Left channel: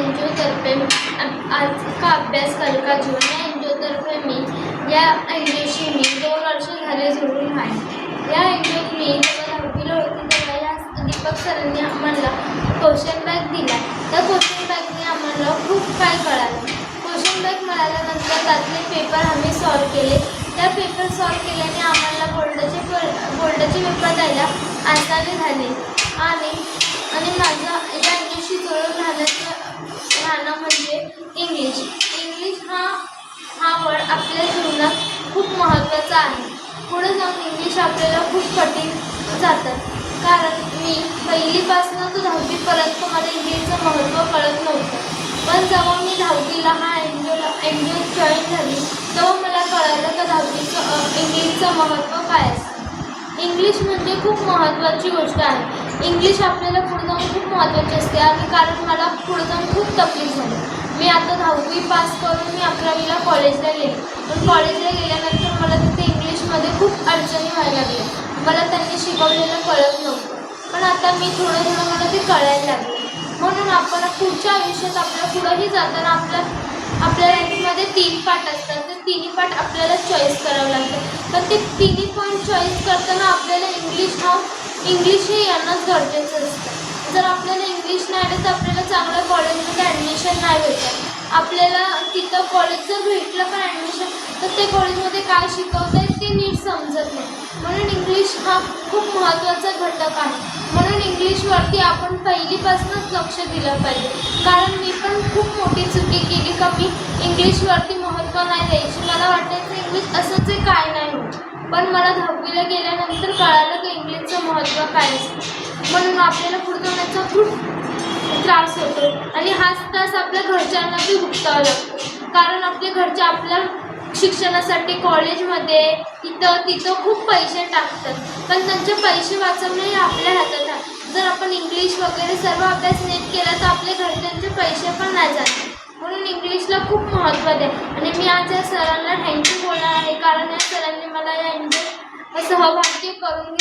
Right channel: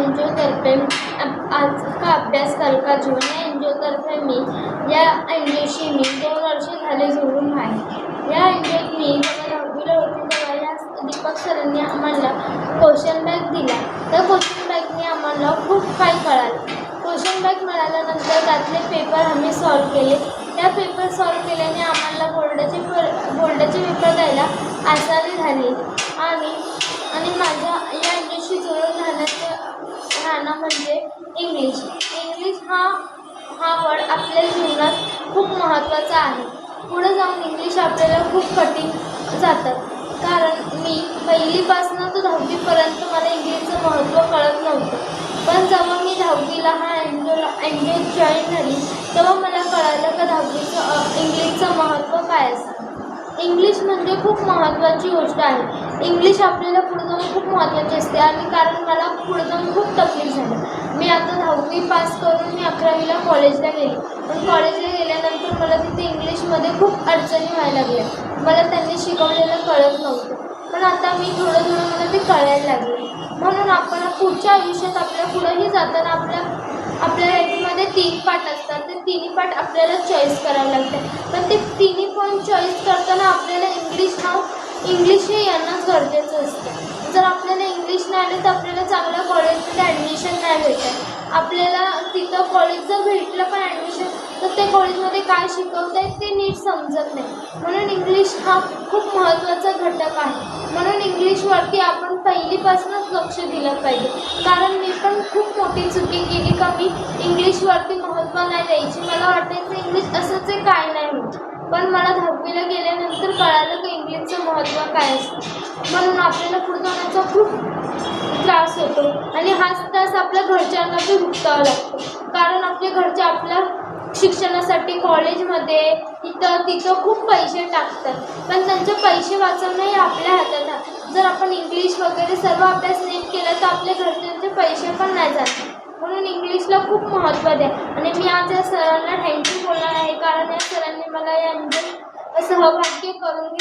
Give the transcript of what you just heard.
एनजीओतर्फे आज का अभ्यास कल का जीवन या एनजीओतर्फे मी या एनजीओशी मी 2 वर्ष झाले जोडून आहे। या एनजीओत मी जेव्हा 10वीला होती तेव्हा या दीपक सरांनी आम्हाला क्वेश्चन बँक दिला। त्या क्वेश्चन बँकने आम्हाला खूप काही कळालं। क्वेश्चन बँक मिळाल्यानंतर त्यातले पेपर आम्ही सॉल्व केले। त्या पेपर सॉल्व केल्याने आम्हाला बोर्डाचे पेपर द्यायला आसानी झाली आणि माझा या एनजीओशी जोडून राहणं म्हणजे इंग्लिश हा वर्ड आपल्या जीवनात खूप महत्त्वाचा आहे। पुढे जाऊन इंग्लिश आपल्याला खूप कठीण जातात, कारण मी 1लीपासून तर 10वीपर्यंत मला इंग्लिशचं महत्त्व कळत नव्हतं। पण जेव्हा मी 10वीला हा एनजीओत जॉईन झाली तेव्हा मला कळालं का 10वीचं इंग्लिशचं महत्त्व काय असतं। इंग्लिश म्हणजे खूप महत्त्वाची गोष्ट आहे। इंग्लिश आपल्याला पुढे जाऊन खूप महत्त्वाची असते आणि कारण मला पुढे जाऊन खूप तकलीफ झाली। मी आता 10वी पास करून मी 11वीला कॉलेजला गेले, पण कॉलेजला गेल्यानंतर मला तिथे इंग्लिशमध्ये खूप अडचणी व्हायला लागल्या। मला त्यांनी शिकवलेलं कळत नव्हतं, पण आता मी थोडं मला ते कळायला लागले। म्हणून आपण पुढच्या आयुष्यात आपल्या पुढेही जाताना आपल्या लाईफमध्ये 3 पार्ट असतात। ते 3 पार्ट आपल्याला चॉईस करावं लागतं, पण ते 3 पॉईंट चॉईस करताना आपल्याला इंग्लिश हे येणंच गरजेचं असतं। जर आपल्याला इंग्लिश नाही आलं तर आपल्याला चांगल्या कॉलेजमध्ये ॲडमिशन नाही भेटत। आपल्याला तिथं कॉलेज जर भेटलं पण ॲडमिशन, तर ते कॉलेजमध्ये काय शिकवत आहेत ते नीट समजत नाही। म्हणून इंग्लिश हा खूप महत्त्वाचा घटक आहे। म्हणून इंग्लिशवरती आपण 1लीपासूनच लक्ष दिलं पाहिजे, कारण मी पण खूप मोठी चुकी केली का मी इंग्लिशवरती महत्त्व नाही द्यायची। मला वाटायचं इंग्लिश असंच आहे, काय नाही होत, पण मला 10वीला गेल्यानंतर कळालं की इंग्लिशचं महत्त्व काय असतं। म्हणून आपल्याला पुढे जाण्याचा खूप त्रास होतो आणि हाच त्रास आपल्या घरच्यांना बी भुगतावा लागतो, कारण आपले घरचे आपल्या शिक्षणासाठी कॉलेजमध्ये तिथं खूप पैसे टाकतात, पण त्यांचे पैसे वाचवणे हे आपल्या हातात आहे। जर आपण इंग्लिश वगैरे सर्व अभ्यास नीट केला तर आपल्या घरच्यांचे पैसे पण नाही जात। म्हणून इंग्लिशला खूप महत्त्व द्या आणि मी आज या सरांना थँक्यू बोलणार आहे, कारण या सरांनी मला या सहभाग्य करून